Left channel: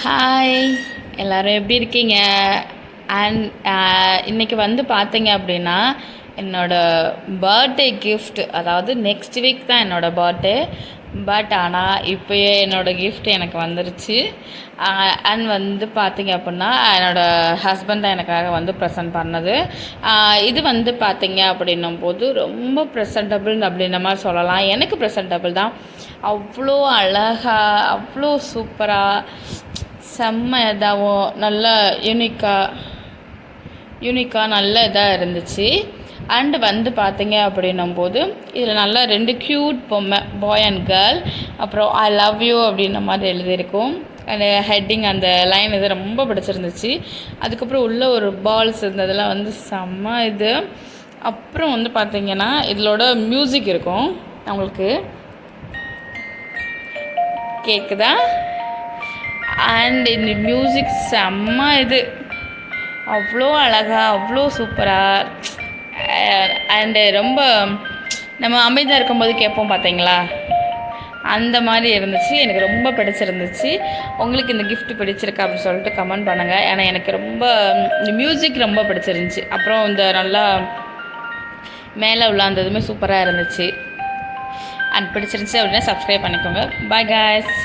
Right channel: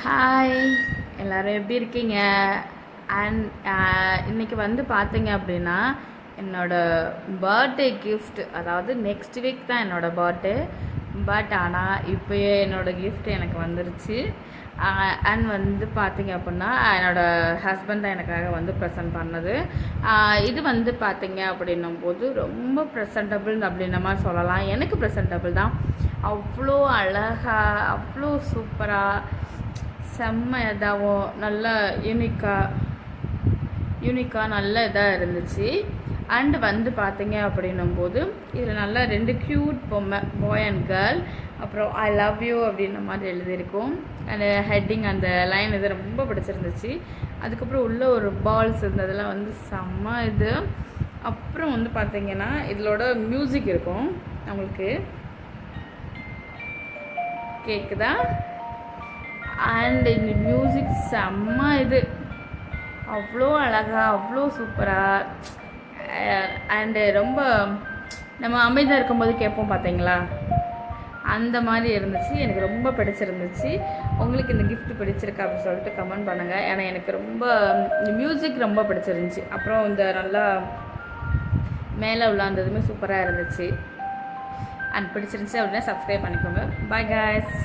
Hi, எல்லோரும் எப்படி இருக்கீங்க? அண்ட் இன்றைக்கி வந்து பார்த்தீங்க அப்படின்னா என்னோடய பர்த்டே கிஃப்ட், அதாவது நெக்ஸ்ட் வீக் தான் என்னோடய பர்த்டே. பட் ஆனால் இப்போயே என்னோடய கிஃப்ட் எனக்கு வந்துருச்சு. அண்ட் வந்து பார்த்தீங்க அப்படின்னா என்னோடய ஹஸ்பண்ட் தான் எனக்காக வந்து ப்ரெசென்ட் பண்ணது. இது வந்து பார்த்தீங்க அப்படின்னும் போது ரொம்ப ப்ரெசன்டபிள் அப்படின்ற மாதிரி சொல்லலாம். எனக்கு ப்ரெசன்டபிள் தான். அவ்வளோ அழகாக, அவ்வளோ சூப்பராக, செம்ம இதாகவும் நல்ல யூனிக்காக நல்ல இதாக இருந்துச்சு. அண்டு வந்து பார்த்தீங்க அப்படின்னும் போது இதில் நல்லா 2 க்யூட் பொம்மை, பாய் அண்ட் கேர்ள். அப்புறம் ஐ லவ் யூ அப்படின்ற மாதிரி எழுதியிருக்கும். அந்த ஹெட்டிங், அந்த லைன் இது ரொம்ப பிடிச்சிருந்துச்சு. அதுக்கப்புறம் உள்ள ஒரு பால்ஸ் இருந்ததெல்லாம் வந்து செம்ம இது. அப்புறம் வந்து பார்த்திங்கன்னா இதோட மியூசிக் இருக்கும். உங்களுக்கு கேட்குதா? அண்ட் இந்த மியூசிக் செம்ம இது, அவ்வளோ அழகாக, அவ்வளோ சூப்பராக. அண்டு ரொம்ப நம்ம அமைதியாக இருக்கும்போது கேட்போம் பார்த்தீங்களா, அந்த மாதிரி இருந்துச்சு. எனக்கு ரொம்ப பிடிச்சிருந்துச்சு. உங்களுக்கு இந்த கிஃப்ட் பிடிச்சிருக்கா அப்படின்னு சொல்லிட்டு கமெண்ட் பண்ணுங்கள். ஏன்னா எனக்கு ரொம்ப இந்த மியூசிக் ரொம்ப பிடிச்சிருந்துச்சி. அப்புறம் இந்த நல்லா மேலே உள்ள அந்த இதுவுமே சூப்பராக இருந்துச்சு. அண்ட் பிடிச்சிருந்துச்சி அப்படின்னா சப்ஸ்கிரைப் பண்ணிக்கோங்க. Bye guys.